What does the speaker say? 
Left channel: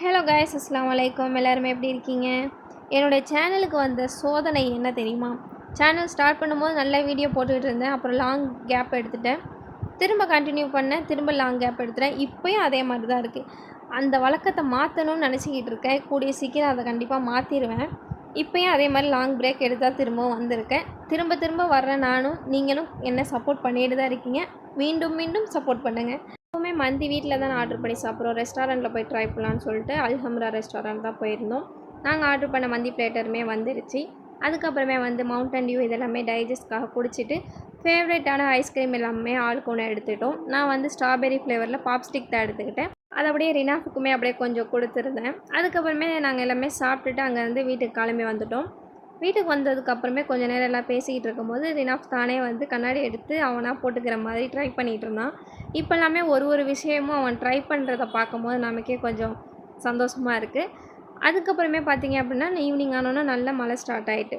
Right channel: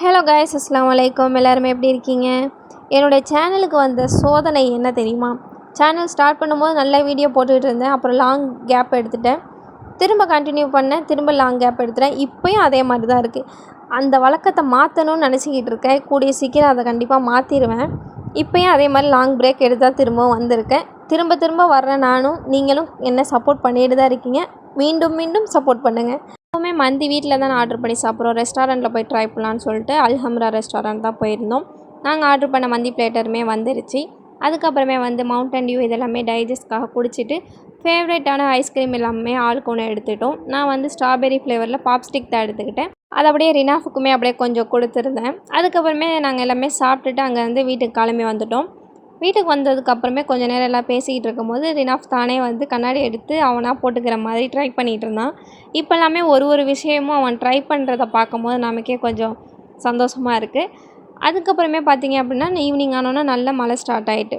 Hello guys, அஸ்ஸலாமு அலைக்கும். எல்லாருமே எப்படி இருக்கீங்க? என்னுடைய சேனலுக்கு வந்த சோதனை என்ன தெரியுமா? சேனல் ஸ்டார்ட் பண்ணும்போது நல்ல வீடியோ போட்டுகிட்டு இருந்தேன். அப்புறம் லாங் கேப் எடுத்துட்டேன். திரும்ப கண்டினியூ பண்ணேன். திரும்ப லாங் கேப் எடுத்துட்டேன். இப்போயும் அதே மாதிரி தான் இருக்குது. அந்த வழக்கத்தை மாற்றணும்னு நினச்சிக்கிட்டு இருக்கேன். கூடிய சீக்கிரம் அதை கண்டிப்பாக மாற்றிடுவேன். இப்போயும் அதே மாதிரி லாங் பிரேக் எடுத்தால் திரும்பவும் வந்திருக்கேன். திரும்ப திரும்ப வர்றேன் நானும். நீங்களும் என்ன சப்போர்ட் பண்ணிட்டு தான் இருக்கீங்க. மீண்டும் மீண்டும் சப்போர்ட் பண்ணுங்கள். எப்போவுமே மந்தி வீட்டில் தான் ஆர்டர் பண்ணி சாப்பிட்றோம். ரெஸ்டாரண்ட்டில் போய் ட்ரை பண்ணலான்னு சொல்லிட்டு அல்ஹம்ரா ரெஸ்டாரண்ட் தான் போயிருந்தோம். நாங்கள் ஆர்டர் பண்ண மந்தி பிளேட்டருமே வந்துருச்சு. அதுக்கப்புறமே மவுண்டன் டியூ இதெல்லாமே டைஜஸ்ட்காக குடிச்சிட்டு ஃபேவரட்டான ஐஸ்கிரீம் எல்லாமே ஆளுக்கு ஒன்று எடுத்துட்டோம். நான் ஸ்ட்ராபெரி ஃப்ளேவரில் பாப்ஸ்டிக் தான் எடுத்துக்கிட்டேன். அது அப்படியே ரினாஃபுக்குமே அப்படியே கொஞ்சம் கொடுத்துருந்தேன். அதுக்கப்புறமே நாங்கள் எல்லாமே சாப்பிட்டுட்டு அங்கேருந்து வீட்டுக்கு கிளம்பி வந்துட்டோம். வீட்டுக்கு வந்ததுக்கப்புறமே கொஞ்சம் நேரம் எல்லாம் பேசிக்கிட்டு இருக்கும்போது ரினாஃப் தானே கண்ணாடி எடுத்து அவனாக போட்டுக்கிற மாதிரி ட்ரை பண்ணிகிட்டு இருந்தான். இப்போல்லாமே ஒரு விஷயமும் அவன் ட்ரை பண்ணுறத பார்க்கும்போது நமக்கே கொஞ்சம் சந்தோஷமாக இருக்குது. அதுக்கப்புறமே பார்த்திங்க அப்படின்னா ஈவினிங் ஆனோன்னா நல்ல மழை ஸ்டார்ட் ஆகிட்டு